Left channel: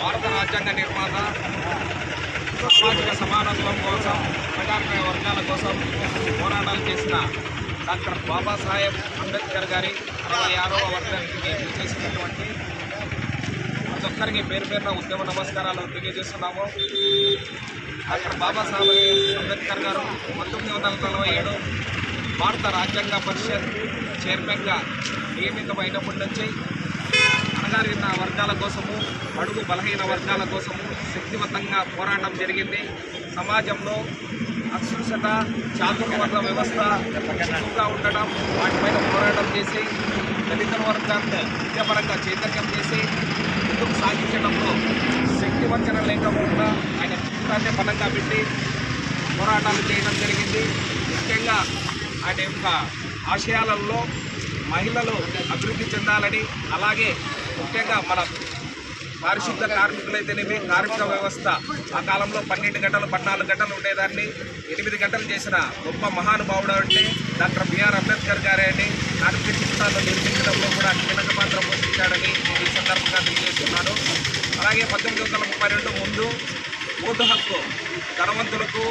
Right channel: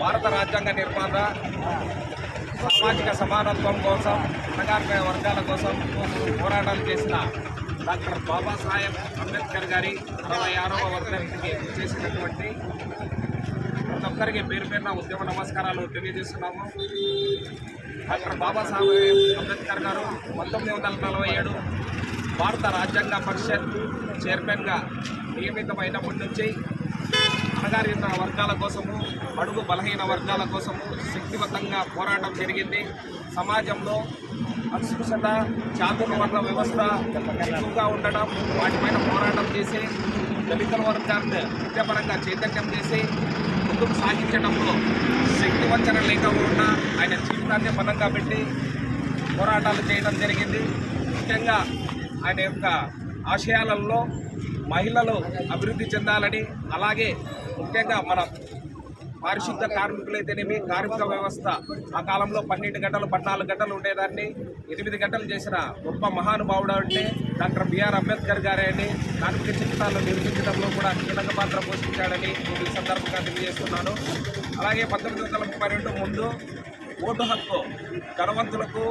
భారత రాజ్యాంగ నిర్మాత సామాజిక సమానత్వం కోసం అనగారిన వర్గాల కోసం పోరాటాలు చేసిన డాక్టర్ బాబాసాహెబ్ అంబేద్కర్ గారి అరవై ఆరవ వర్గానికి చేసినటువంటి ప్రతి ఒక్కరికి పేరు పేరున ఉద్యమ నమస్కారాలు తెలియజేస్తున్నాము. డాక్టర్ బాబాసాహెబ్ అంబేద్కర్ గారు పంతొమ్మిది వందల నలభై ఏడు భారత రాజ్యాంగ పరిషత్ చైర్మన్గా నియమితమైనప్పటి నుంచి అణగారిన వర్గాల కోసము అడుగు బలహీన వర్గాల కోసము శక్తివంతంగా పోరాటం జరిగింది. సమాజంలో అస్పృశ్యత చాతుర్వర్ణ వ్యవస్థ ఎక్కువగా ఉండడం వాటిపైన పోరాటం చేసి దళిత వర్గాన్ని విద్యాపరంగా చైతన్యం చేసి ముందుకు సాగించడంలో శక్తి వంచన లేకుండా ఆయన జీవితాన్ని బలంగా పెట్టి పోరాటాలు చేయడం జరిగింది. ముఖ్యంగా ఆయన యొక్క ఆశయాలలో మహిళలు అభివృద్ధి చెందాలని అలాగే ముఖ్యంగా మన పారిశుద్ధ కార్మికులైతేనేమి కార్మిక వ్యవస్థ ఆ కాలంలో పన్నెండు గంటలు పద్నాలుగు గంటలు ఉండేదాన్ని. ఎనిమిది గంటలు చేసిన గొప్ప మహానుభావుడు అంటే డాక్టర్ బిఆర్ అంబేద్కర్ గారే అని కార్మిక జీవితాలను నిర్మించడంలో కూడా కీలక పాత్ర పోషించాడని ఈ సందర్భంగా తెలియజేస్తున్నాను. అలాగే పంతొమ్మిది వందల ముప్పై రెండు ముందు ఓటు హక్కు ధనవంతులకు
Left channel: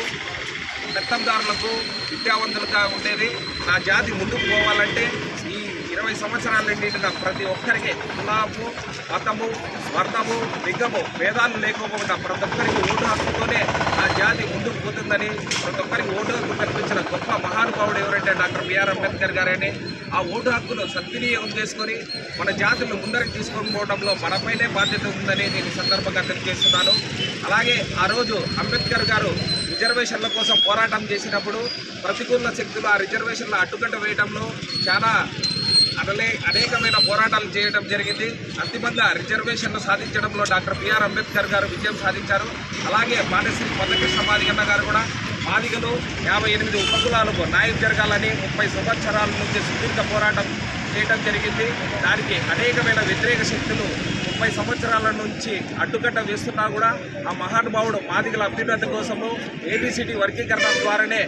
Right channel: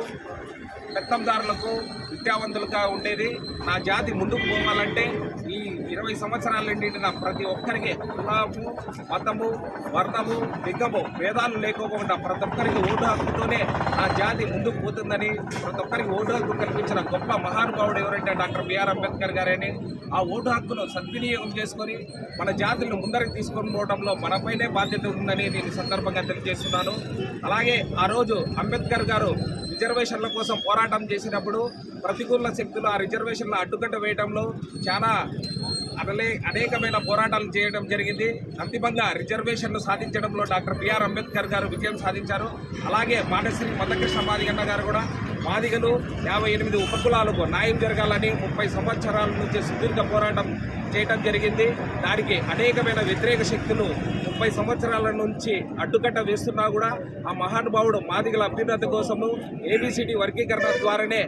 పెత్తందారులకు విద్యావంతులుగా ఉండేది. నా జాతి ముందుకు పోవాలంటే ఈ ఇరవై సంవత్సరాల నిండిన ప్రతి ఒక్కరికి కులాము మతము వర్ణము లింగము భేదాలు లేకోకుండా ప్రతి ఒక్కరికి ఓటు హక్కుతోనే నా జాతి ముందుకు పోతుందని ప్రతి ఒక్కరికి ఓటు హక్కు కల్పించిన గొప్ప మహానుభావుడు ఎవరంటే డాక్టర్ బిఆర్ అంబేద్కర్ గారని ఆ ఓటు హక్కును సద్వినియోగం చేసుకొని మన జాతులను ముందరికి తీసుకొని పోవడంలో మనపైనే బాధ్యత ఉందని నేను సందర్భంగా తెలియజేస్తున్నాను. అలాగే ఆ రోజు అంబేద్కర్ గారు రిజర్వేషన్ల కోసం పోరాటం చేసినప్పుడు ప్రతికూల శక్తులు ఆ రిజర్వేషన్ల అడ్డుకట్ట వేయడంలో చాలా అనలే అనేకమైన పోరాటాలు చేయడం జరిగింది. అంతిమంగా రిజర్వేషన్లు సాధించడంలో డాక్టర్ బిఆర్ అంబేద్కర్ గారు విజయం సాధించారు. అలాగే మానశ్రీ మదకృష్ణ మాదిగన్న గారు కూడా మాదిగలు యాభై ఎనిమిది ఉపకులాలకు న్యాయం జరగాలని ముప్పై సంవత్సరాల నుంచి సుదీర్ఘ పోరాటం చేయడం జరిగింది. దానికి అనేకమైన వ్యతిరేక శక్తులు ముప్పై సంవత్సరాల నుంచి అడ్డుకట్ట వేస్తున్నా కూడా ఆ మహానుభావుడు మాదిగల అభ్యున్నతి కోసము ఏబిసిటీ వర్గీకరణ ద్వారానే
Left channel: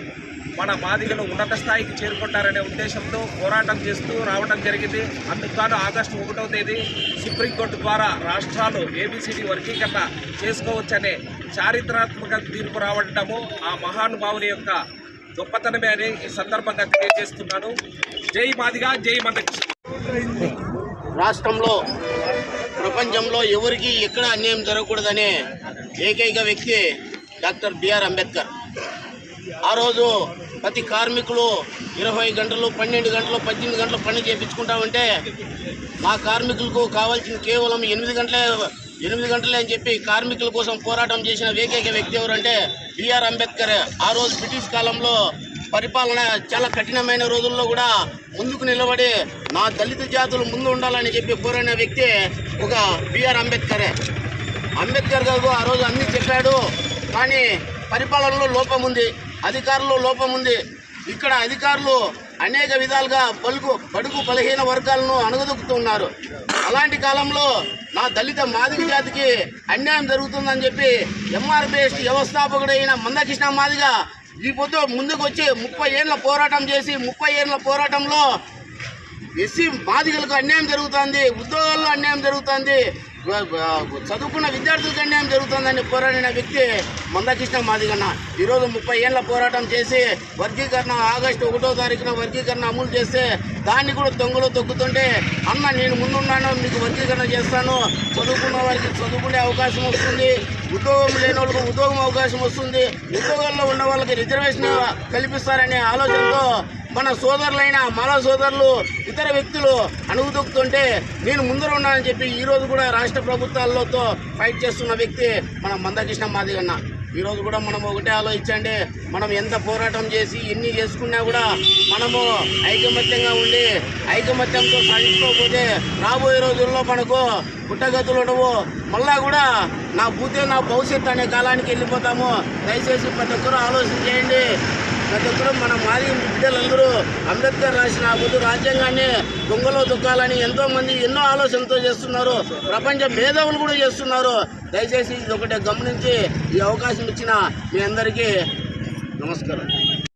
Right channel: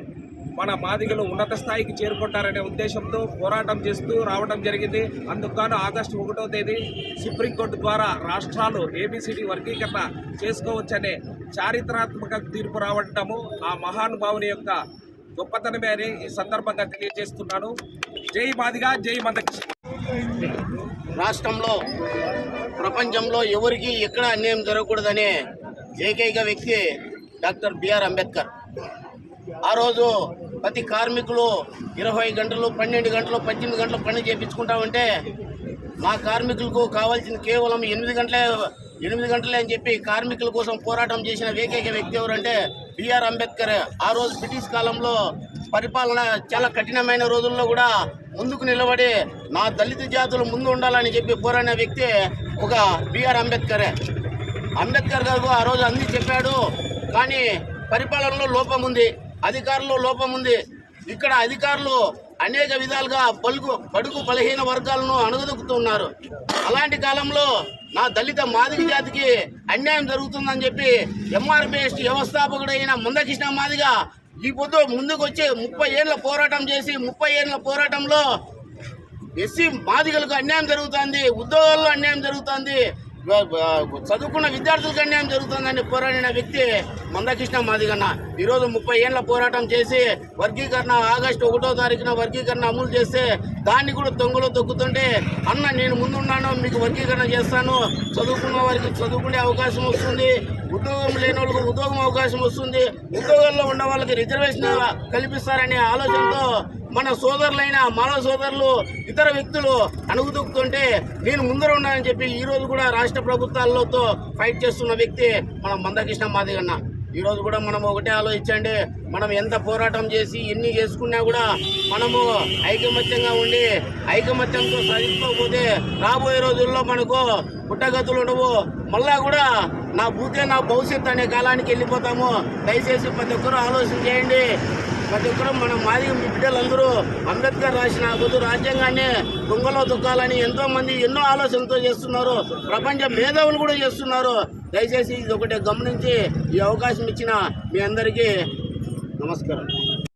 మన మాదిగలు ఉన్నత స్థాయికి చేరుకుంటారనే ఉద్దేశంతో పోరాటం చేస్తూ రావడం జరిగింది. అందుకు ఆగస్టు ఒకటో తేదీ సుప్రీంకోర్టు ద్వారా రాష్ట్రాలు ఏబిసిడి వర్గీకరణ చేసుకోవచ్చనే చారిత్రాత్మక తీర్పు రావడము ఆ మహానుభావుని యొక్క గొప్పతనమే అని ఈ సందర్భంగా తెలియజేస్తున్నాను. జై మాదిగా జై మదకృష్ణ రాష్ట్రంలో ప్రపంచంలో ఎవరికి ఎక్కడ అన్యాయం జరగకూడదనే ఏకైక వ్యక్తి డాక్టర్ బిఆర్ అంబేద్కర్. ఆ రోజు ప్రతి కార్మికులు ఇరవై గంటలు పన్నెండు గంటలు పద్దెనిమిది గంటలు పని చేయించుకుంటామంటే మా కార్మికులకు కావాల్సిన కేవలం ఎనిమిది గంటలే ఎనిమిది గంటలే అని చెప్పి కార్మికుల కోసం పోరాటం చేసిన ఏకైక వ్యక్తి ఎవరంటే బిఆర్ అంబేద్కర్. ఆ రోజు బ్రిటిష్ కాలంలో పరిపాలన చాలా కఠినమైన రోజుల్లో కూడా ముందుకు నిలబడి నా దళిత జాతులు ముందు ఉండాలని చెప్పి పోరాడిన వ్యక్తి ఒక బిఆర్ అంబేద్కరే. అంబేద్కర్ గారు ఆ రోజు అన్నీ చెప్పాడు కానీ పరిపాలనలో లోపం ఉంది అధికారుల్లో లోపం ఉంది. ఇక్కడ అధికారులు అనేక విధాలుగా పలుకు బడుగు బలహీన వర్గాలను అణగదొక్కుతున్నారు. అలాంటి కాలంలో నా దళిత మాదిగ జాతికి అన్యాయం జరుగుతుందని చెప్పి ఎంఆర్పిఎస్ వ్యవస్థాపకుడైన మందకృష్ణ మాదిగ ఈ పొద్దు ముందుకు వచ్చి ముప్పై ఏళ్ళ పోరాటం చేసి ముప్పై ఏళ్ళ పోరాటంలో ఎస్సీ మాదిగలకు అన్యాయం జరుగుతుంది ఉద్యోగాల్లో అన్యాయం జరుగుతుంది చదువుకున్న విద్యార్థులకు అన్యాయం జరుగుతుందని పోరాడిన వ్యక్తి మందకృష్ణ మాదిగన్న. ఈరోజు ముప్పై ఏళ్ళ పోరాటం చేసి వర్గీకరణ ఆగస్టు ఒకటో తారీఖున వర్గీకరణ అమలు చేస్తే దాన్ని కూడా తొంగలో తొక్కుతుంటే అన్న నేను ముందున్నాను మీకు వర్గీకరణ చేస్తాను. చదువుకున్న వారికి చదువుకునే అవకాశం వస్తుంది. ఉద్యోగం లేని వాళ్ళకి ఉద్యోగం అవకాశం వస్తుంది. ఉద్యోగాల్లో ఉన్న వాళ్ళకి రిజర్వేషన్ కల్పిస్తారనే ఆలోచనతో మన సోదరులైన మన సోదరులు ఇతర వ్యక్తులు అణుగుదొక్కుతుంటే నేను ముందర ఉన్నానని చెప్పి ఈరోజు కూడా రాష్ట్ర ప్రభుత్వాలతో ఫైట్ చేస్తున్న వ్యక్తి మన మందకృష్ణ మాదిగన్న ఈరోజు కూడా మనం ఒకటే ఆలోచించండి మనం ఎంత పోరాటం చేసి ఎన్ని చేసుకున్నా కూడా మనము ఐకమత్యంగా ఉండి ఐకమత్యంతో సాధించుకోకపోతే రాబోయే రోజుల్లో మనకు పుట్టగతులు ఉండవు. మళ్ళా కూడా నా బూతే నా భవిష్యత్తు అనే కాలానికి వెళ్ళిపోతాము. దయచేసి ప్రతి ఒక్కరూ ఆలోచన చేయండి. ప్రతి ఒక్కరూ మన మాది బిడ్డలందరూ అంబేద్కర్ రాసిన బుద్ధు రాజ్యాంగాన్ని దొంగలో దొక్కాలని ఎంతో మంది ఎన్నో ఆలోచనతో చేస్తున్నారు. ప్రపంచ మేధావులు కూడా చేస్తున్నారు. దయచేసి ఇది ఒకటే గమనించి ఈ అవకాశం ఇచ్చిన మీ అందరికీ నమస్కారం.